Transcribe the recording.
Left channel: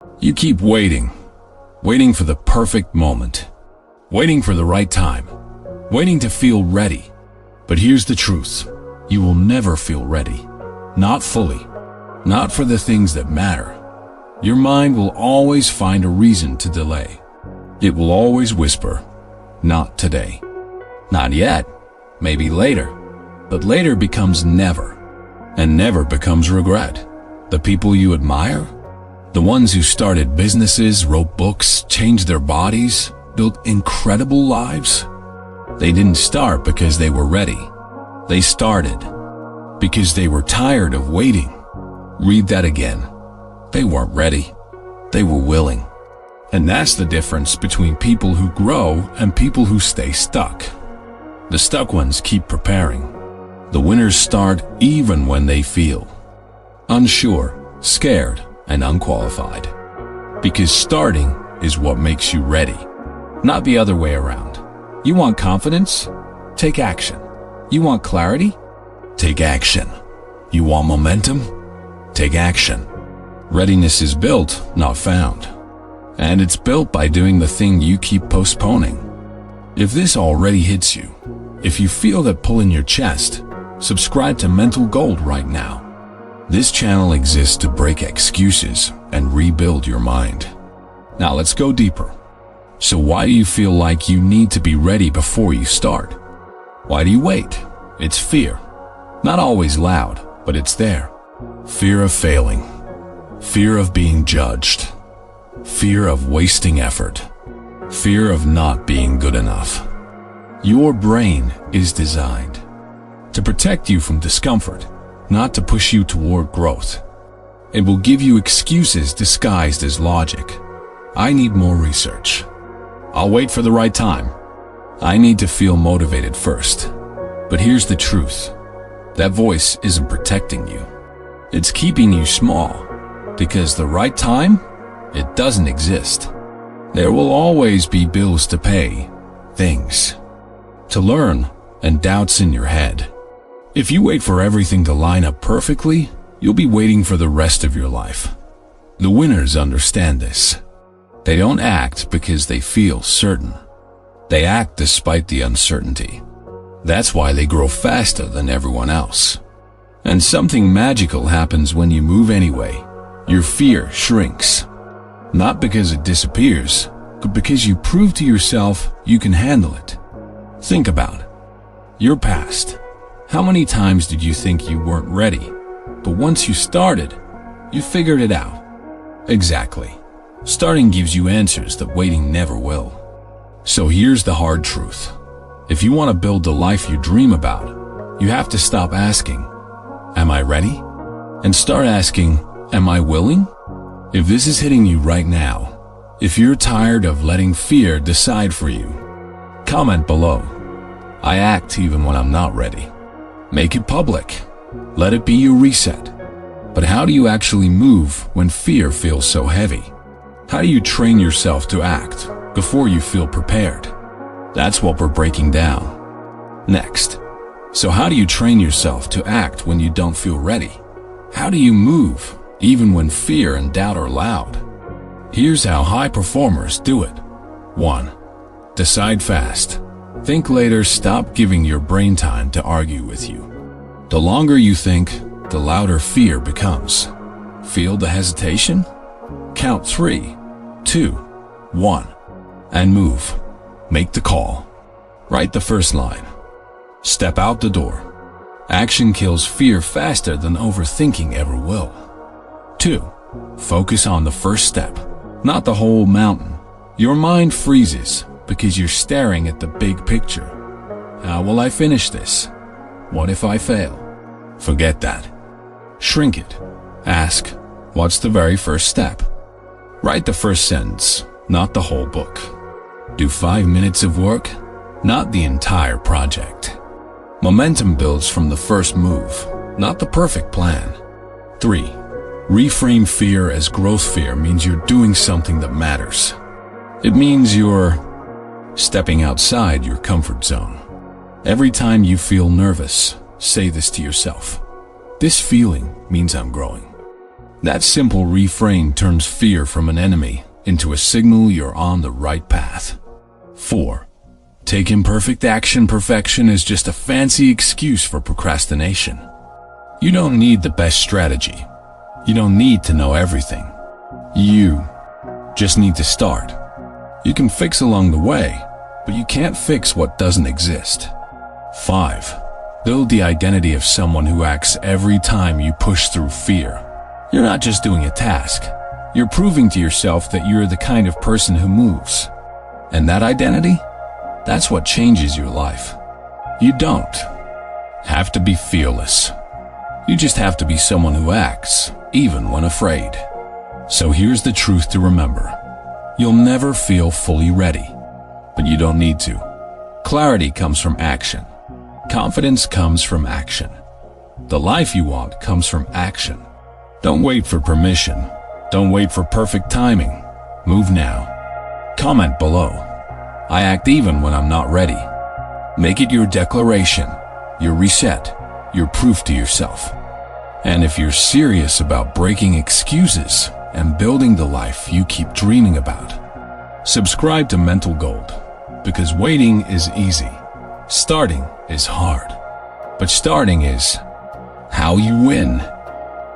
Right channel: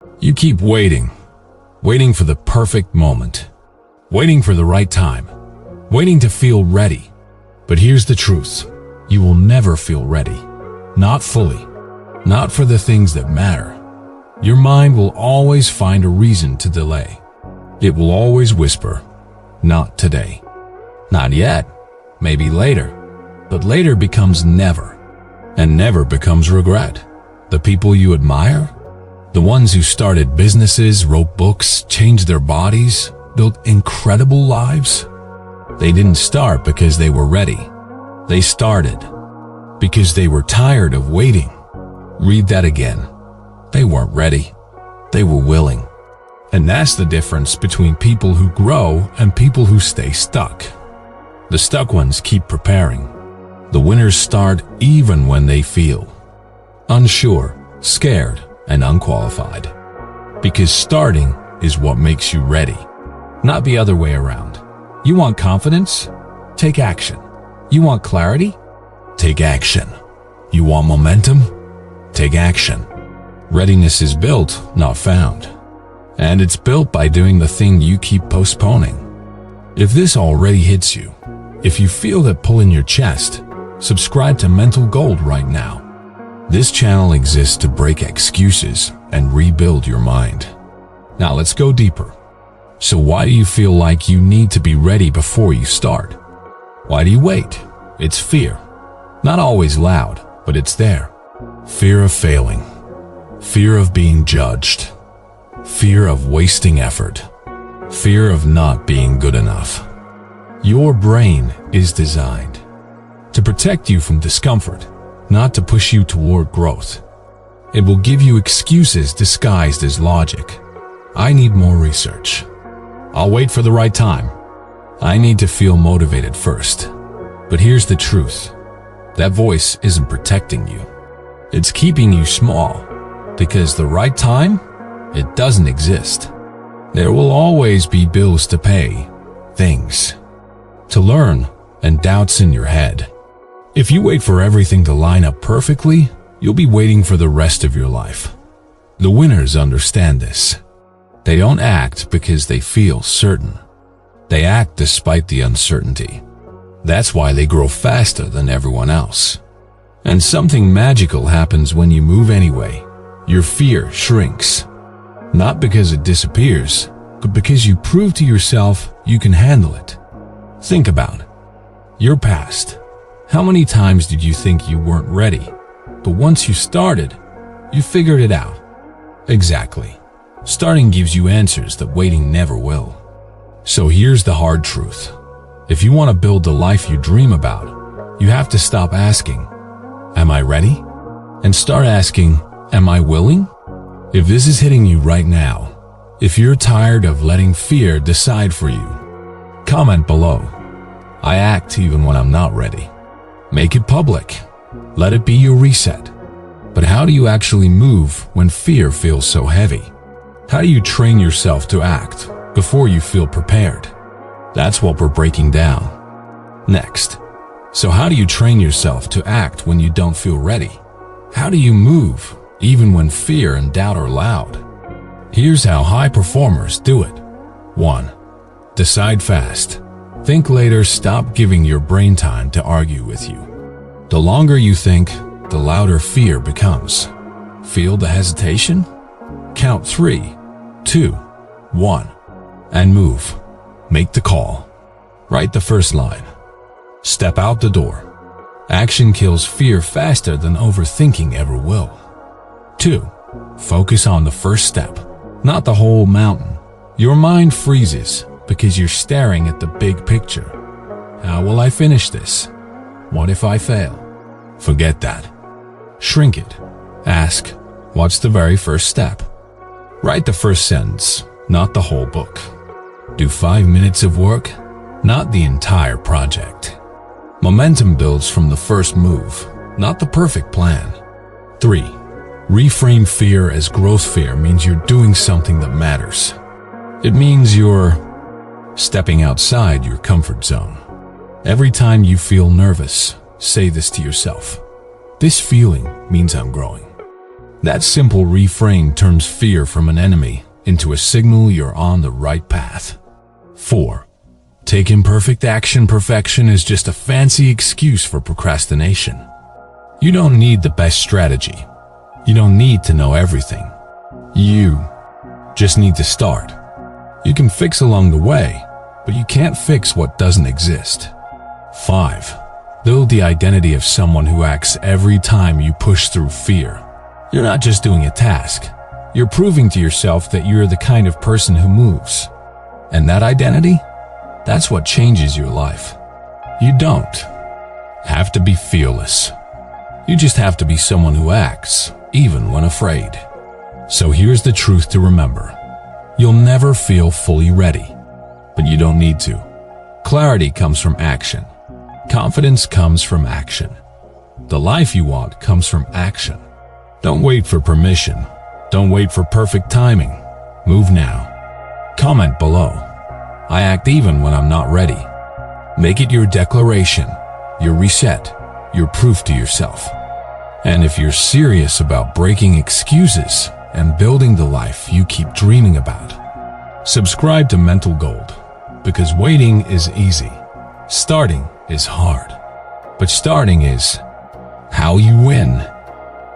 You keep waiting, waiting for the perfect moment, waiting for the right time, waiting to feel ready. But here's the truth. You will never feel ready. Not fully. Not for the things that matter. Your mind will always find a reason to delay. It will always whisper, not today. Not yet. Maybe later. But later becomes never. And never becomes regret. The people you admire, the ones who started businesses, wrote books, changed their bodies, built incredible lives, they didn't start because they were ready. They started because they were tired of waiting. Read that again. They weren't ready. They were willing. And that's the difference between people who grow and people who stay stuck. The stuck ones keep preparing. The winners start even when they feel unsure, scared, and unqualified. Because starting is what makes you ready, not the other way around. You want confidence? Take action. You want clarity? Take action. You want momentum? Take action. Readiness is built, not found. And it's built by doing the thing you keep postponing. If this already hits you, if you feel that pull in your chest, subscribe to Mental Gold right now. This channel exists to break excuses and rebuild your mind. Now let's go deeper. So why do you feel like you need to be ready before you start? Why do you wait? It's fear. Not always loud, but it's there. Fear of failing. Fear of being judged. Fear of wasting effort. Fear of not being good enough. Your brain is designed to protect you from discomfort, not to push you toward growth. It will give you excuses disguised as logic. I need more research. I'll wait for the right time. I need to feel motivated first. But here's the truth. That voice isn't protecting you. It's keeping you small, because the right time, it doesn't exist. There will always be bills to pay, things to learn, and doubts in your head. If you wait for everything to line up perfectly, you'll be waiting for the rest of your life. The winners understand this. They don't act because they feel certain. They act despite the uncertainty. That's why they grow faster than everyone else. And something magical happens when you move anyway. Your fear shrinks. Not because it disappears, but because you prove to yourself you can handle it. Think about it. Your past. How many times did you think you weren't ready? But once you started, you figured it out. Exactly. Starting gives you answers that waiting never will. So here's the hard truth. If you want to build the life you dream about, you have to stop asking, "Am I ready?" and start asking, "Am I willing?" If this is hitting you right now, if you're tired of letting fear decide for you, comment below. I act even when I'm not ready. Make it public. Let it be your reset. But how do you actually move when fear feels so heavy? How do you train yourself to act before you feel prepared? That's what we're breaking down next. So how do you train yourself to act when you don't feel ready? How do you move even when fear and doubt are loud? Here's how high performers do it. 1. Decide fast. Think later. Stop giving your brain time to argue with you. The longer you think, the louder fear becomes. Feel the hesitation? Count 3, 2, 1, and move. Make the call. Write the first line. Step out the door. Action kills fear faster than overthinking ever will. 2. Focus on the first step, not the whole mountain. Your mind freezes because you're staring at the big picture. How will I finish this? What if I fail? Forget that. Shrink it. Ask, what's the very first step? Write the first sentence, not the whole book. Do 5 minutes of work, not the entire project. Momentum builds from the first move, not the perfect plan. 3. Reframe fear as growth. Fear means you're doing something that matters. It means you're stepping outside your comfort zone. Every time you feel nervous, say this to yourself. This feeling means I'm growing. That simple refrain turns fear from an enemy into a signal you're on the right path. 4. Take imperfect action. Perfection is just a fancy excuse for procrastination. You don't need the best strategy. You don't need to know everything. You just need to start. You can fix along the way, but you can't fix what doesn't exist. 5. Build the identity of someone who acts every time you push through fear. You're not just doing a task. You're proving to yourself that you're the kind of person who moves. And that identity? That's what changes your life. You don't have to be fearless. You just have to be someone who acts, even when afraid. So here's the truth to remember. You'll never feel fully ready, but you don't need to. Clarity comes from action. Confidence comes from action. The life you want comes from action. Don't wait for permission. Don't wait for perfect timing. Move now. Comment below. I act even when I'm not ready. Make it your declaration, your reset, your proof to yourself. And if you're serious about breaking excuses and building the life you keep dreaming about, subscribe to Mental Gold, because waiting is easy. Starting is hard. But starting is how you win.